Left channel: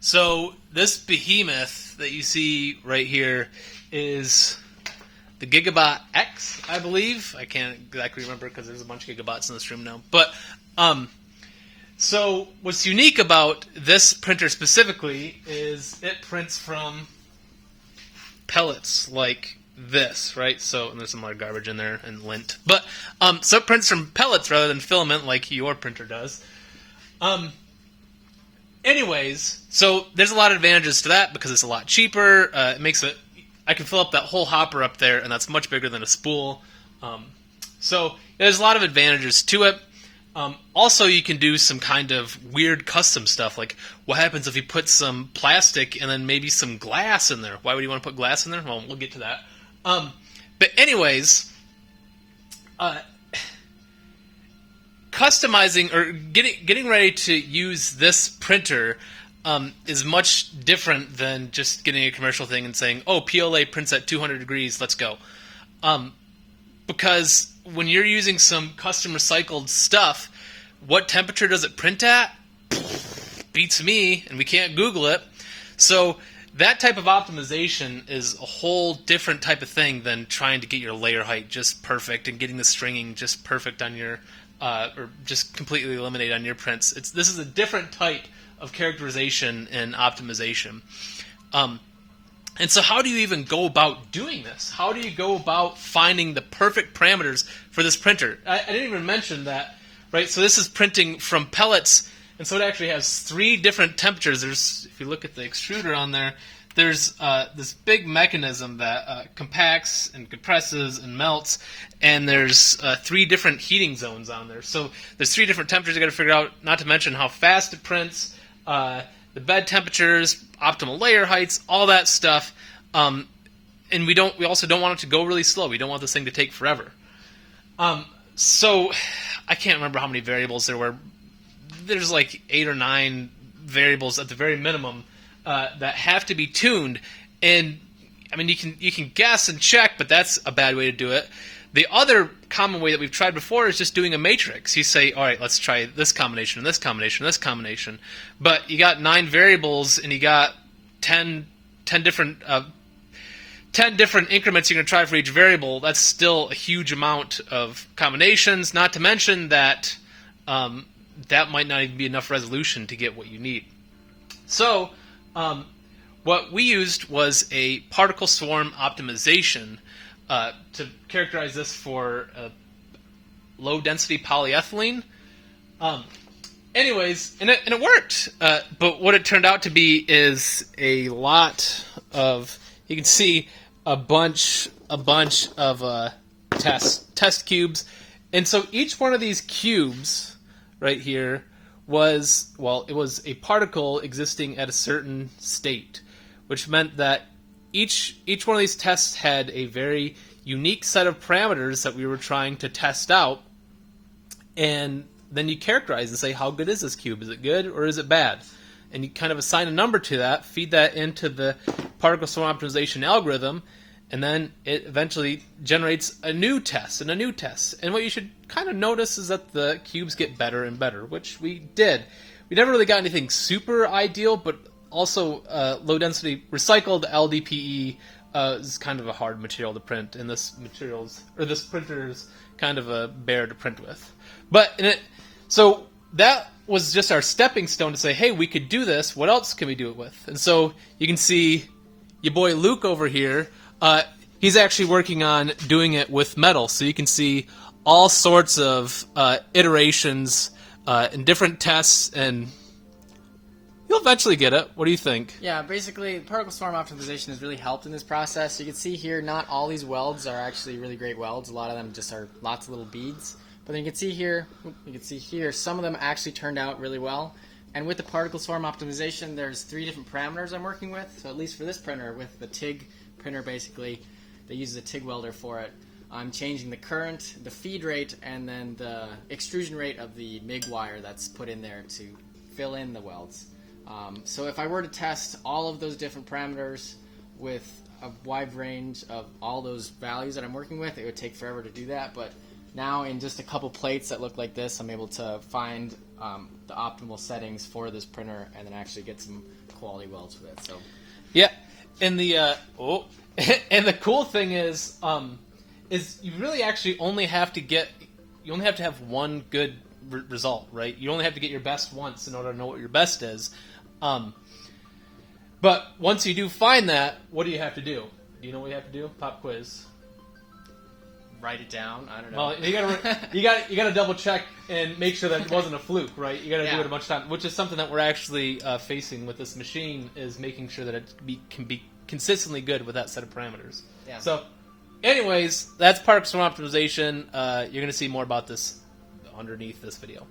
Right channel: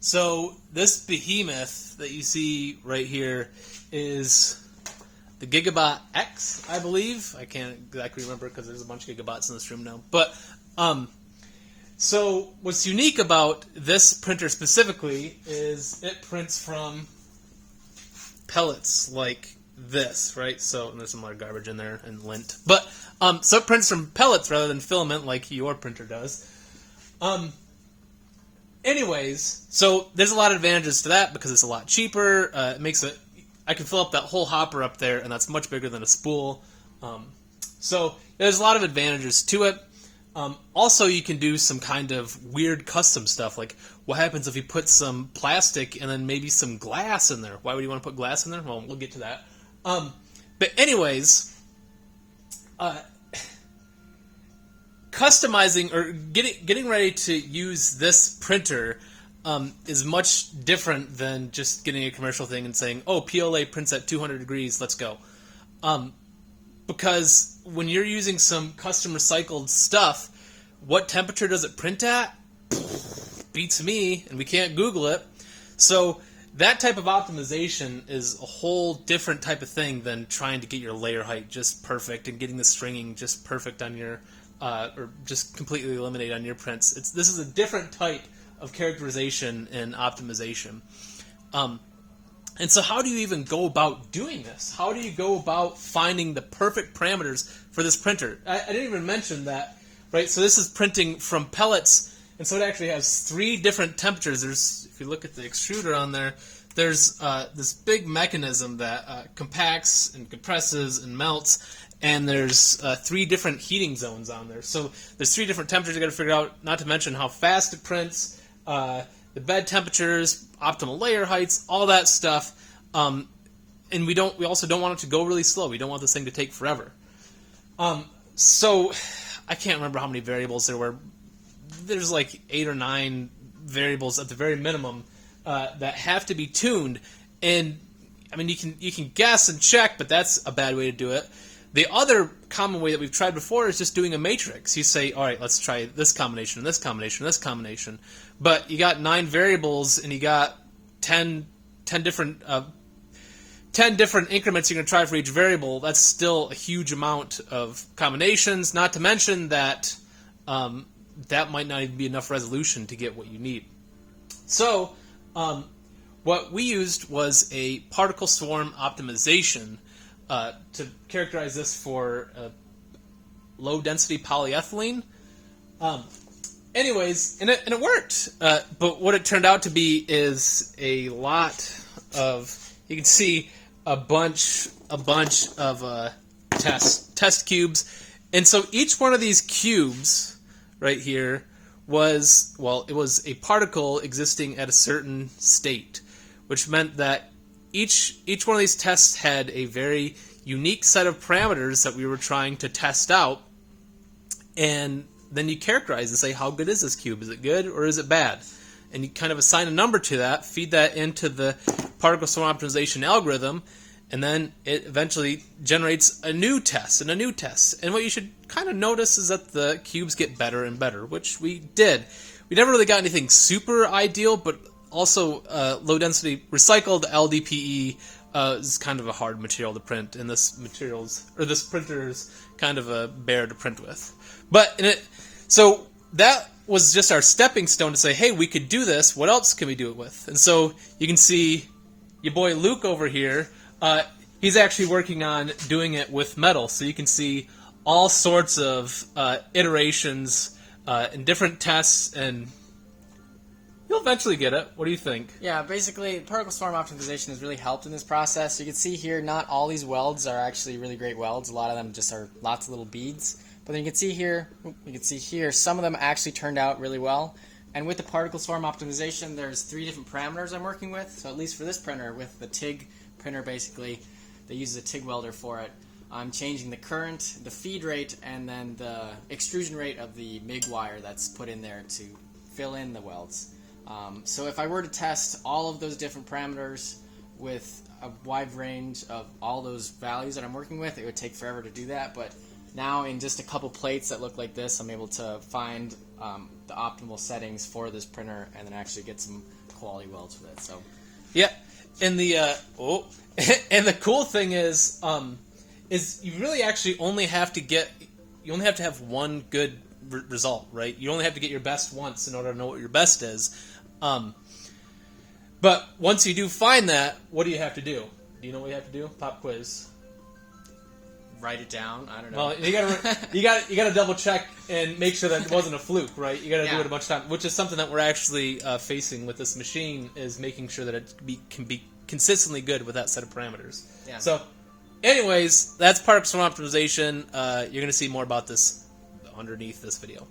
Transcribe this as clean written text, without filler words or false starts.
So this behemoth that you see right here is the Gigabot X, I believe. I can't exactly remember because there's a bunch of Gigabots in this room now. But so what's unique about this printer specifically is it prints from pellets like this, right? So and there's some more garbage in there and lint. But so it prints from pellets rather than filament like your printer does. Anyways, so there's a lot of advantages to that because it's a lot cheaper. It makes it. I can fill up that whole hopper up there, and that's much bigger than a spool. So there's a lot of advantages to it. Also, you can do some kind of weird custom stuff, like what happens if you put some plastic and then maybe some glass in there? Why would you want to put glass in there? Well, we'll get to that. But anyways, customizing or getting ready to use this printer is much different than just getting a commercial thing and saying, oh, PLA prints at 200 degrees, let's go. Because when you're using some custom recycled stuff, what temperature does it print at? Beats me, and we can't Google it. So that type of optimization is a whole different type of thing than trying to get your layer height just perfect and getting the stringing just perfect on your or just completely eliminate on your prints. This is a different type of characterization and optimization. And so how do you even go about doing this? How do you go about finding the perfect parameters for this printer? I didn't even mention that, right? So this is printing from pellets, and so it actually has 3 different temperatures. If you look at the extruder on there, there's this big mechanism that compacts and compresses and melts, and there's 3 different heating zones on there. So there's 3 different temperatures you got to figure out, not to mention how fast it prints, the bed temperatures, optimal layer heights, all that stuff. And we also don't want it to go really slow. We don't want this thing to take forever. So I can't remember how many variables there were. There's like 8 or 9 variables at the very minimum that have to be tuned. And I mean, you can guess and check, but that's a bad way to do it. The other common way that we've tried before is just doing a matrix. You say, all right, let's try this combination and this combination and this combination. But you got 9 variables and you got 10 different increments you're going to try for each variable. That's still a huge amount of combinations, not to mention that that might not even be enough resolution to get what you need. So what we used was a particle swarm optimization to characterize this for low-density polyethylene. Anyways, and it worked. But what it turned out to be is a lot of, you can see a bunch of test cubes. And so each one of these cubes right here was a particle existing at a certain state, which meant that each one of these tests had a very unique set of parameters that we were trying to test out, and then you characterize and say, how good is this cube? Is it good or is it bad? And you kind of assign a number to that, feed that into the particle swarm optimization algorithm, and then it eventually generates a new test and a new test. And what you should kind of notice is that the cubes get better and better, which we did. We never really got anything super ideal, but also low-density recycled LDPE is kind of a hard material to print, and this printer is kind of a bear to print with. So that was just our stepping stone to say, hey, we could do this. What else can we do it with? And so you can see your boy Luke over here. He's actually working on doing it with metal. So you can see all sorts of iterations and different tests, and you'll eventually get it. What do you think? Yeah, basically, particle swarm optimization has really helped in this process. So you can see here, not all these welds are actually really great welds. A lot of them just are lots of little beads. But then you can see here, some of them actually turned out really well. And with the particle swarm optimization, there's 3 different parameters I'm working with. So at least for this printer, with the TIG printer, basically, that uses a TIG welder for it, I'm changing the current, the feed rate, and then the extrusion rate of the MIG wire that's put in there to fill in the welds. So if I were to test all of those different parameters with a wide range of all those values that I'm working with, it would take forever to do that. But now in just a couple plates that look like this, I'm able to find the optimal settings for this printer and then actually get some quality welds with it. So yeah, and the and the cool thing is you really actually only have to have one good result, right? You only have to get your best once in order to know what your best is. But once you do find that, what do you have to do? Do you know what you have to do? Pop quiz. write it down. I don't know. Well, you gotta double check and make sure that it wasn't a fluke, right? You gotta do it a bunch of times, which is something that we're actually facing with this machine, is making sure that it can be consistently good with that set of parameters. Yeah. So, anyways, that's particle storm optimization. You're gonna see more about this underneath this video.